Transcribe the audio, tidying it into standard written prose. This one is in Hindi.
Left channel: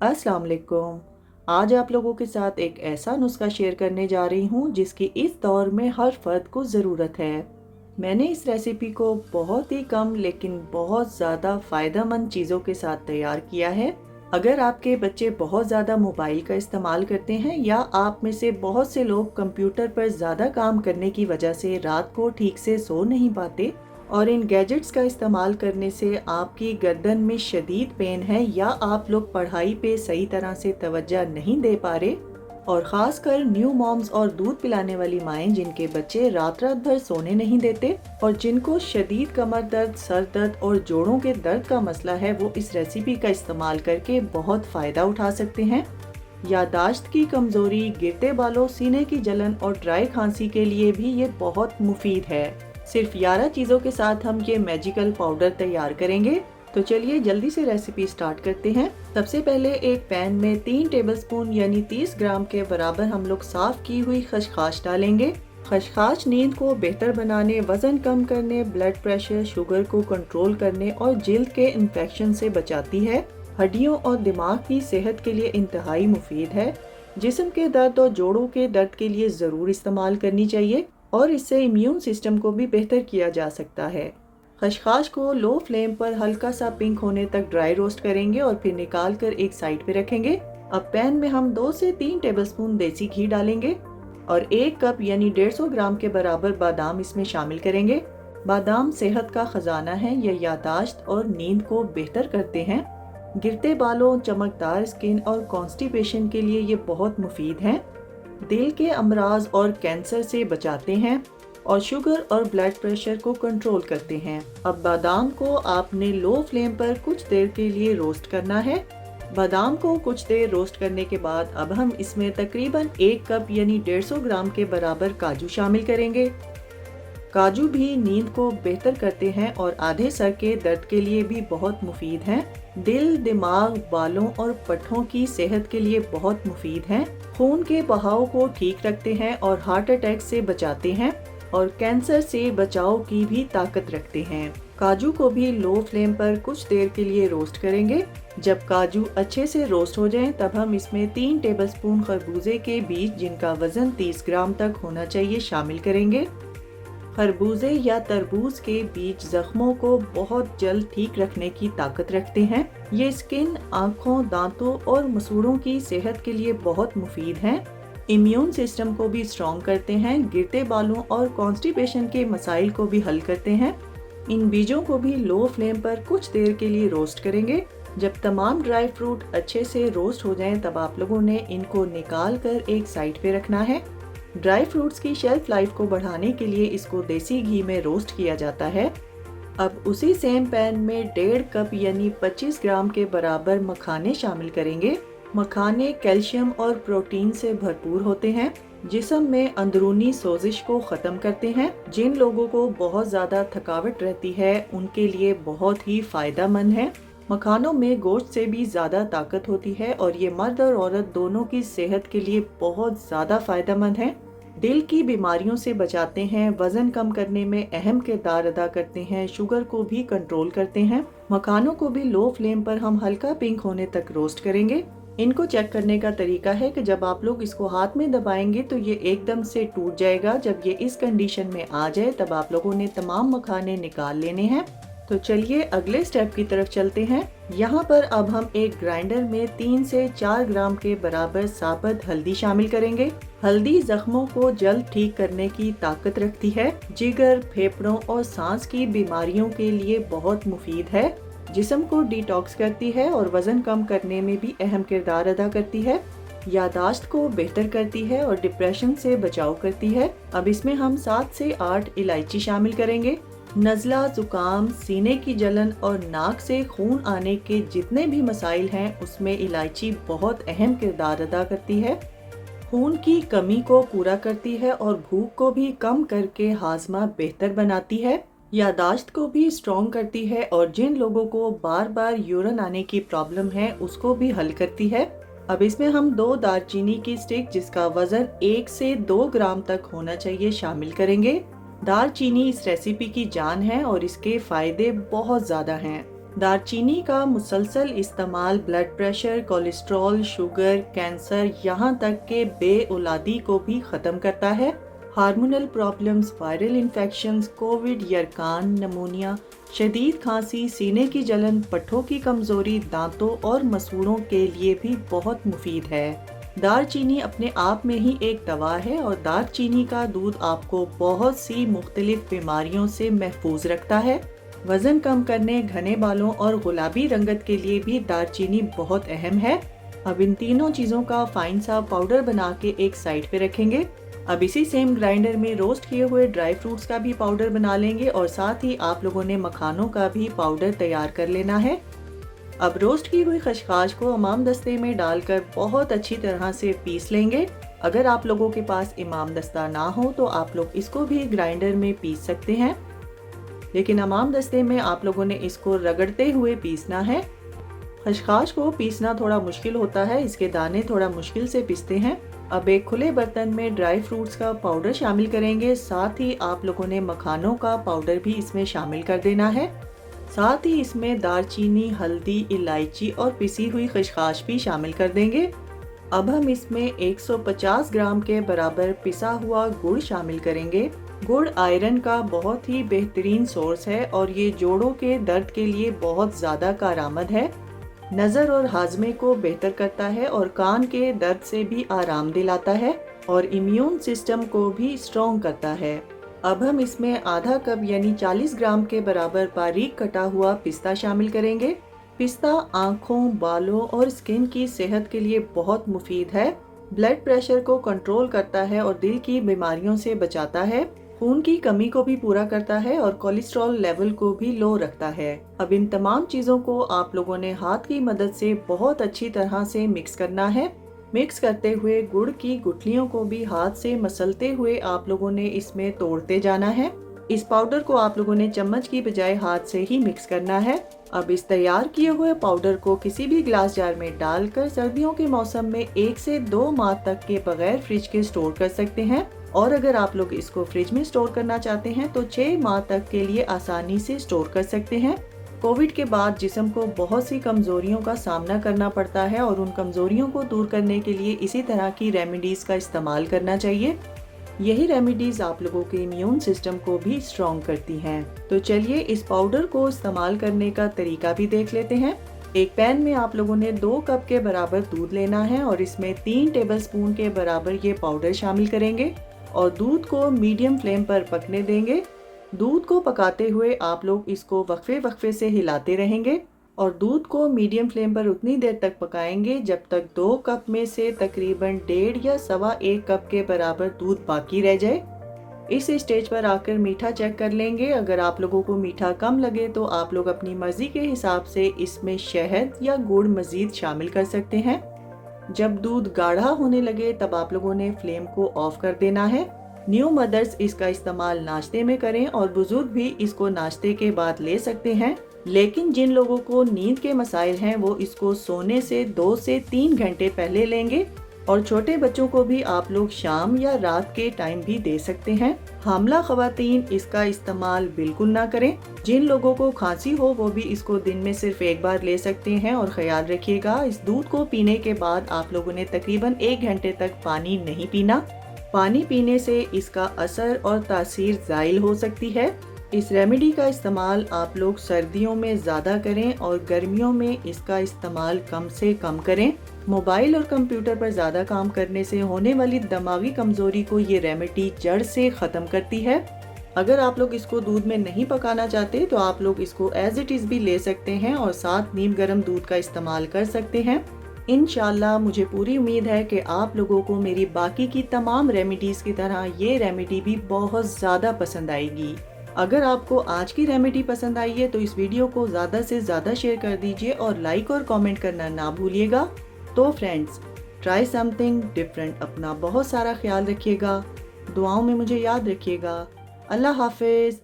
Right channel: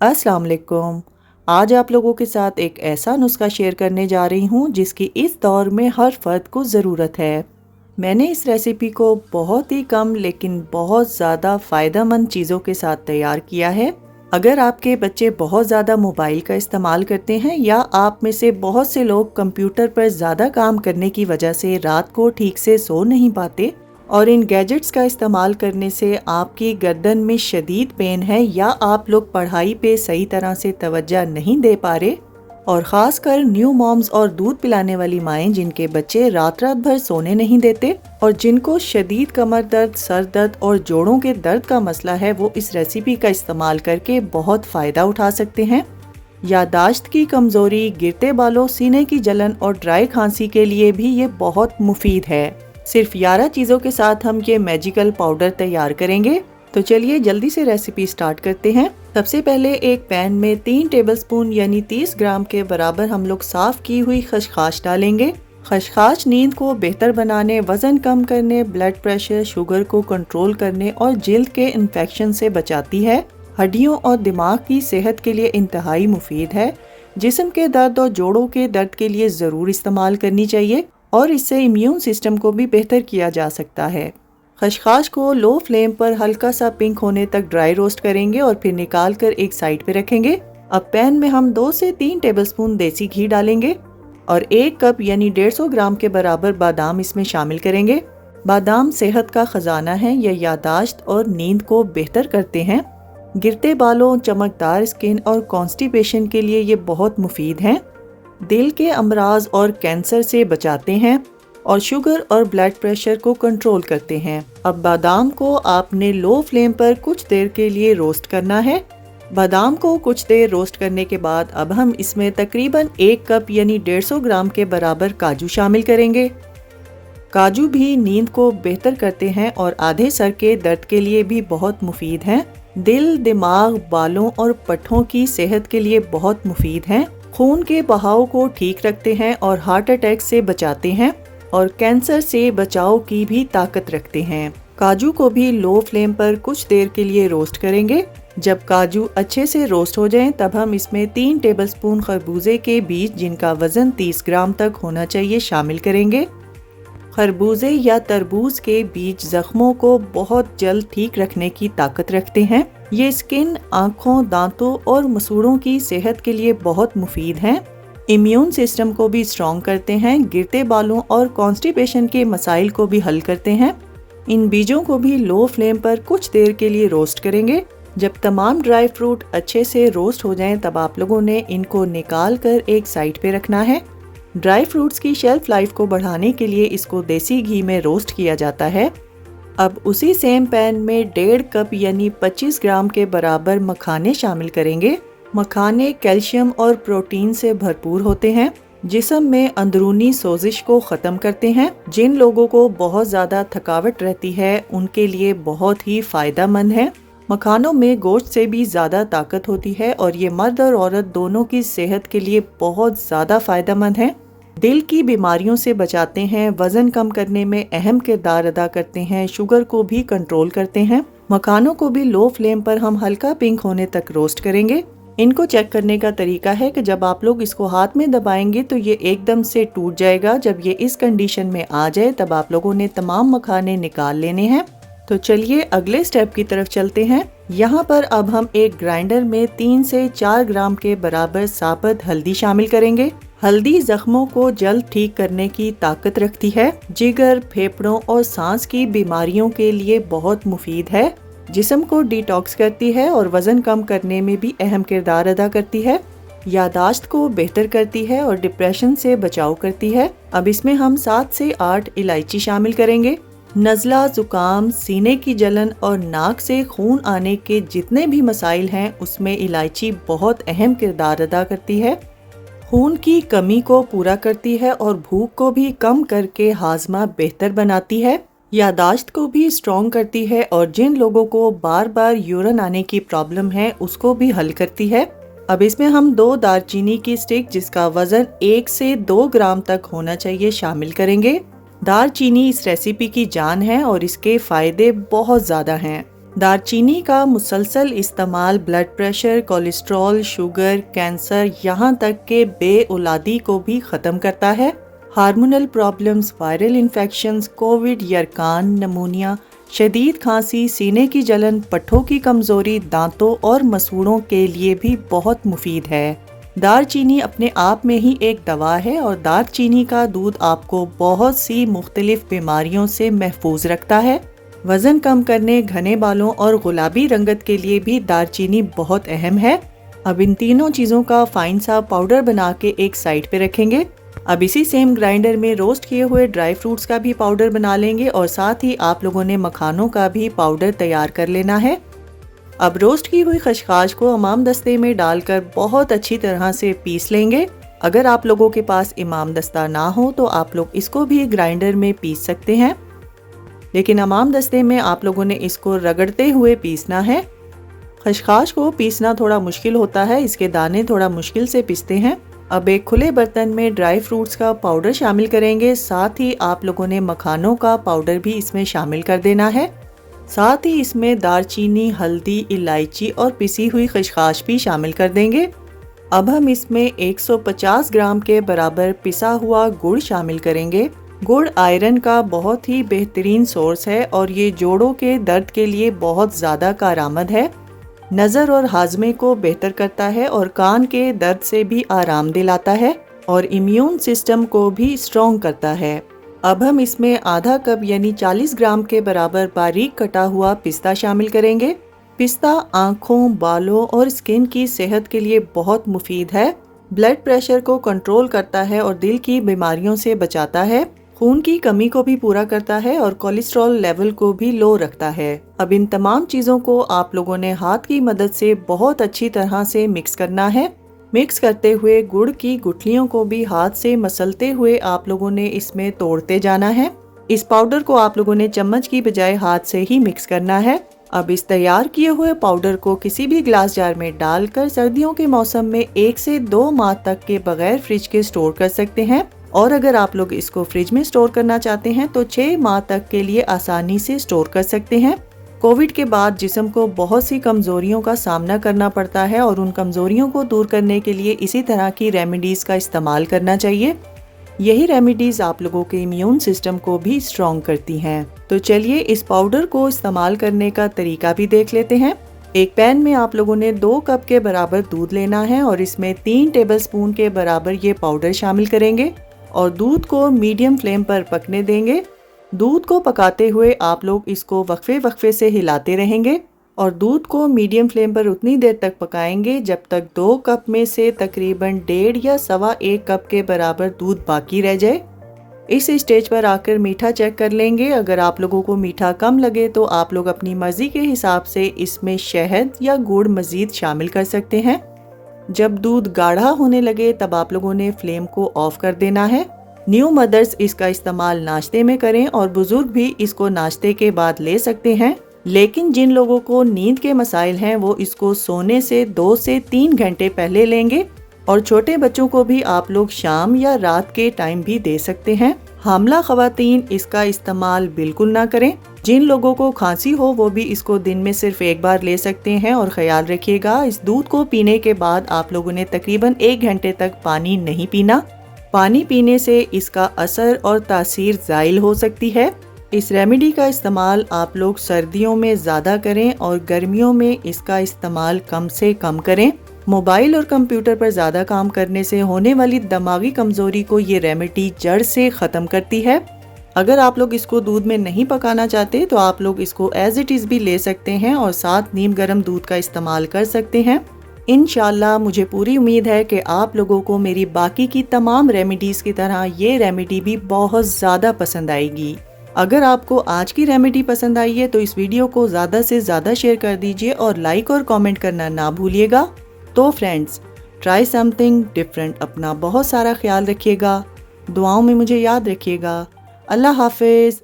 अस्सलाम वालेकुम। आज आप लोगों के साथ एक ऐसा नुस्खा शेयर करने जा रही हूँ जिसकी इस दौर में हर फर्द को ज़रूरत है। मैंने इस रेसिपी को बहुत ही कम लेकिन बहुत ज़्यादा फ़ायदेमंद चीज़ों के साथ तैयार किया है। अगर आपके बच्चे बहुत ज़्यादा मोबाइल का इस्तेमाल करते हैं या आप में से बहुत से लोग कंप्यूटर पर ज़्यादा काम करने की वजह से रात को ठीक से सो नहीं पाते और इन गैजेट्स का इस्तेमाल करने से आपकी गर्दन में शदीद पेन है या आप लोग पढ़ाई पे सही तरह से तवज्जो नहीं दे पा रहे, और ख़ासकर न्यू मॉम्स और दूध पिलाने वाली माएँ जिनके बच्चे रात रात भर सोने नहीं देते और जिनको शदीद कमर दर्द, सर दर्द और जोड़ों के दर्द का मसला है, वो इस रेसिपी का इस्तेमाल करके बहुत फ़ायदा उठा सकते हैं। यादाश्त की कमज़ोरी, गिरते बालों, सीने की जलन और ड्राई खांसी के लिए भी ये बहुत मुफीद है। सिर्फ 11 चीज़ों के साथ हम ये मैजिकल पाउडर तैयार करेंगे। तो चलिए जल्दी से रेसिपी स्टार्ट करते हैं। सबसे पहले एक पैन में 3 टेबलस्पून यानी 30 ग्राम के बराबर हम लोग साफ़ की हुई खसखस डालेंगे। खसखस नींद को बेहतर बनाने, वज़न कम करने, ब्लड प्रेशर, शुगर को कंट्रोल करने और जिल्द के इन्फेक्शन से बचाती है। हड्डियों और दिमाग की सेहत के लिए इंतहाई मुफीद है। जिस्म के दर्द और जोड़ों के दर्द के लिए ज़रूर इस्तेमाल करनी चाहिए और इससे इम्यून सिस्टम को भी बेहतर किया जा सकता है। खसखस को लो फ्लेम पर हल्का सा पिंक होने तक ड्राई रोस्ट करेंगे और फिर निकाल कर एक साइड पे रखेंगे। अब पैन में हम 2 से 3 टेबलस्पून देसी घी डालेंगे और 1 कप यानी 150 ग्राम के बराबर बादाम इसमें शामिल करेंगे। बादाम सेहत का खजाना है, यह यादाश्त और नींद को बेहतर करते हैं। गिरते बालों, चमकदार स्किन और कॉन्स्टिपेशन के लिए ये बहुत मुफीद हैं। दिल के अमराज और कैंसर से बचाते हैं और शुगर और ब्लड प्रेशर को कंट्रोल करते हैं। अब बादाम को आपने लो फ्लेम पर कुछ देर के लिए रोस्ट करना है। बादाम को कुछ देर रोस्ट करने के बाद अब हम इसमें तकरीबन 1 कप यानी 150 ग्राम के बराबर काजू शामिल करेंगे। काजू भी नींद को बेहतर करते हैं और आधे सर के दर्द के लिए भी बहुत मुफीद हैं। दिल, दिमाग, बालों और पट्ठों की सेहत के लिए बहुत मुफीद हैं। खून के बहाव को ठीक रखते हैं और हार्ट अटैक से बचाते हैं और कैंसर से बचाव की भी ताकत रखते हैं। काजू को भी लो फ्लेम पर कुछ देर के लिए रोस्ट करेंगे। जब काजू अच्छे से रोस्ट हो जाएं, तब हम इसमें 3 टेबलस्पून खरबूजे के बीज जिनका वजन 30 ग्राम तक होना चाहिए शामिल करेंगे। खरबूजे या तरबूज के बीज जख्मों को बहुत जल्द ठीक रखने की ताकत रखते हैं। ये स्किन, आँखों, दांतों और मसूड़ों की सेहत के लिए बहुत मुफीद हैं। इम्यून सिस्टम को भी स्ट्रॉन्ग करते हैं, गिरते बालों और कॉन्स्टिपेशन के मसाइल को भी हल करते हैं। इन बीजों को भी लो फ्लेम पर कुछ देर के लिए रोस्ट करेंगे। जब तमाम ड्राई फ्रूट अच्छे से रोस्ट हो जाएं, तब आप लोगों ने इनको निकाल कर एक साइड पे रखना है। ड्राई फ्रूट्स की शेल्फ लाइफ को बढ़ाने के लिए इसको देसी घी में रोस्ट किया जाता है। अब उसी सेम पैन में 1.5 कप यानी 25 ग्राम के बराबर मखाने शामिल करेंगे। मखाने कैल्शियम और प्रोटीन से भरपूर होते हैं, जिस्म में अंदरूनी सोजिश को ख़त्म करते हैं। जिन लोगों को बहुत ज़्यादा थकावट रहती है उनके लिए बहुत ही फ़ायदेमंद है। मखानों में गोश्त से भी ज़्यादा ताकत होती है और ये मर्द और औरत दोनों की सेहत के लिए बहुत ज़्यादा फ़ायदेमंद है। दिल की बीमारियों से बचाते हैं, वज़न कम करने में अहम किरदार अदा करते हैं, शुगर को भी कंट्रोल करते हैं। मखानों को भी लो फ्लेम पर हम हल्का पिंक होने तक रोस्ट करेंगे। इनको चेक करने का तरीका है कि जब आप लोग इसको हाथ में दबाएंगे तो ये एकदम से टूट जाएगा। जब ये इस कंडीशन में आ जाए तब आप लोगों ने तमाम मखाने निकाल लेने हैं। तो चलिए अगले स्टेप की तरफ चलते हैं। यहाँ पर अब हम एक ग्राइंडर में 3 से 4 ग्राम के बराबर साबुत हल्दी शामिल करेंगे। हल्दी जख्मों को जल्द ठीक करने की ताकत रखती है, जिगर, फेफड़ों और सांस की बीमारियों के लिए बहुत मुफीद है, जिस्म को डिटॉक्स करती है और वज़न कम करने में भी अहम किरदार अदा करती है, यादाश्त को बेहतर करती है और डिप्रेशन से बचाव करती है। अब इसमें हम 7 से 8 इलायची शामिल करेंगे। नज़ला, जुकाम, सीने की जलन और नाक से खून आने के जितने भी मसाइल हैं उसमें इलायची बहुत अहम किरदार अदा करती है। खून की कमी को पूरा करती है और भूख को भी कम करके हाजमा बेहतर बनाती है। यादाश्त को भी स्ट्रॉन्ग करती है और जिन लोगों को बार बार यूरिन आने की प्रॉब्लम है उसको भी हल करती है। अब इसमें हम 2 दालचीनी की स्टिक जिसका वजन 1 से 2 ग्राम तक होना चाहिए शामिल करेंगे। दालचीनी इस रेसिपी की जान है और इसके फायदे बहुत ज़्यादा हैं। दालचीनी का मुसलसल इस्तेमाल blood pressure, cholesterol, sugar, cancer, यहाँ तक के बेऔलादी को भी ख़त्म करता है। Hormonal problems, viral infections, COVID, यरकान, नमूनिया, शदीद खांसी, सीने की जलन, पट्ठों की कमज़ोरी, दांतों और मसूड़ों के लिए भी बहुत मुफीद है। दालचीनी अपने आप में ही एक दवा है और दालचीनी का दूध आपको बहुत सी मुख्तलिफ बीमारियों से महफूज रखता है। वज़न कम करने, घने बालों और गुलाबी रंगत के लिए भी दालचीनी बहुत अहम है। अब इन तीनों चीज़ों का फाइन सा पाउडर बना के एक साइड पे रखेंगे। अब इसी सेम ग्राइंडर में रोस्ट किए हुए ड्राई फ्रूट्स का भी पाउडर बना लेंगे और साथ ही आप लोगों ने मखानों का भी पाउडर तैयार कर लेना है। अब रोस्ट की हुई खशखाश को इमाम दस्ते में डालकर बहुत अच्छी तरह से पीस लेंगे। अगर आप लोगों के पास इमाम दस्ता ना हो तो आप लोग इसको भी ग्राइंडर में पीस सकते हैं, लेकिन इमाम दस्ते में आप लोगों ने इसको रगड़ते हुए पीसना है। खशखाश को पीसना थोड़ा मुश्किल होता है, इसके दाने थोड़ा मुश्किल से पिसते हैं। अब एक खुले बर्तन में ड्राई फ्रूट्स का पाउडर शामिल करेंगे, साथ ही आप लोगों ने मखानों का पाउडर भी इसमें शामिल कर देना है। साथ ही इसमें दालचीनी, हल्दी, इलायची और पिसी हुई खशखाश भी शामिल कर देंगे। अब हम इसमें 150 ग्राम के बराबर पिसा हुआ गुड़ शामिल करेंगे। गुड़ आयरन का बहुत ही बेहतरीन सोर्स है और ये जोड़ों के दर्द के लिए बहुत ज़्यादा कारआमद है। नज़र और हाजमे को बेहतर करता है और कान के दर्द से भी आराम दिलाता है और इम्यून सिस्टम को भी स्ट्रॉन्ग करता है। अब हम इसमें आधा कप यानी 40 ग्राम के बराबर बारीक कटा हुआ पिस्ता शामिल करेंगे। पिस्ता आँखों, बालों और स्किन की सेहत के लिए बहुत मुफीद है। ब्लड प्रेशर को कंट्रोल करता है और दिल की बीमारियों से बचाता है। खून की कमी को भी पूरा करता है और कोलेस्ट्रॉल लेवल को भी लो रखता है। अब इन तमाम चीज़ों को आप लोगों ने हाथ की मदद से बहुत अच्छी तरह से मिक्स करना है। मिक्स करते हुए गुड़ की गुठलियों को भी हाथ से मसलते हुए आप लोगों ने इसमें तोड़ते जाना है। इस पाउडर को आप लोगों ने चम्मच की बजाय हाथ से ही मिक्स करना है। अब इस तैयार किए हुए पाउडर को किसी भी ग्लास जार में डालकर सर्दियों के मौसम में 1 से 2 माह तक के बगैर फ्रिज के स्टोर कर सकते हैं और अगर आप लोग इसको फ्रिज में स्टोर करना चाहते हैं तो 6 माह तक के लिए आसानी से स्टोर कर सकते हैं। कोविड के बाद जिस्म को बहुत सी कमज़ोरियों का सामना करना पड़ता है और उन कमज़ोरियों को दूर करने के लिए इसी तरह की रेमेडीज़ का इस्तेमाल करना चाहिए। यही रेमेडीज़ आप लोगों के इम्यून सिस्टम को भी स्ट्रॉन्ग करती हैं। तो चलिए इस पाउडर को इस्तेमाल करने का तरीका भी देख लेते हैं। एक पैन में आप लोगों ने 2 कप के बराबर दूध लेना है और इसमें 3 टेबलस्पून के बराबर ये पाउडर शामिल करेंगे और दूध को मीडियम फ्लेम पर पकने देंगे। दूध को पकाते हुए आप लोग इसको वक्फे वक्फे से हिलाते रहेंगे और दूध को मीडियम फ्लेम पर उतनी देर तक पकाएंगे जब तक 2 कप में से तकरीबन 1.5 या 1.25 कप के बराबर दूध बाकी रह जाए। इस स्टेज पर आकर मीठा चेक कर लेंगे। अगर आप लोगों को मीठा कम लगे तो आप लोग अपनी मर्जी के हिसाब से इसमें शहद या गुड़ मजीद शामिल कर सकते हैं। जब दूध गाढ़ा होने लगे तब आप लोगों ने फ्लेम को ऑफ कर देना है। न्यू मदर्स इसका इस्तेमाल नाश्ते में करें और बुजुर्ग भी इसको नाश्ते के बाद ले सकते हैं, लेकिन जिन लोगों को नींद के मसाइल हैं वो इसको सोने से 2 से 3 घंटे पहले लेंगे और छोटे बच्चों को भी आप लोग शाम या रात के टाइम भी दे सकते हैं। हामला खवातीन इसका इस्तेमाल बिल्कुल ना करें। जिन लोगों को खांसी हो वो भी इसको दिन में सिर्फ एक बार ले सकते हैं और ख्याल रखिएगा इस दूध को पीने के बाद आप लोगों ने तकरीबन 1 घंटे तक पानी नहीं पीना। पानी पीने से इसका असर और तासीर ज़ाइल हो सकती है। इस रेमेडी का इस्तेमाल आप लोग सर्दियों में ज़्यादा करें और गर्मियों में इसका इस्तेमाल कम से कम करें। मोबाइल और कंप्यूटर पर ज़्यादा काम करने से होने वाली दिमागी कमज़ोरी को ये रेमेडी जड़ से ख़त्म करती है। अगर आप लोग इसको दूध में नहीं पकाना चाहते तो आप लोग इसको एज इट इज़ भी ले सकते हैं और साथ नीम गर्म दूध का इस्तेमाल कर सकते हैं। इंशाल्लाह मुझे पूरी उम्मीद है कि आप लोगों को मेरी बाकी की तमाम रेमेडीज़ की तरह ये रेमेडी भी बहुत ज़्यादा पसंद आएगी। अगर आपको आज की रेमेडी पसंद आई है तो इस वीडियो को ज़्यादा से ज़्यादा शेयर कर दीजिए और लाइक और कमेंट करना ना भूलिएगा। तो फ्रेंड्स, ट्राई समथिंग डिफरेंट। अपना बहुत सारा ख्याल रखिएगा, दुआओं में मुझे याद रखिएगा। अल्लाह हाफिज़।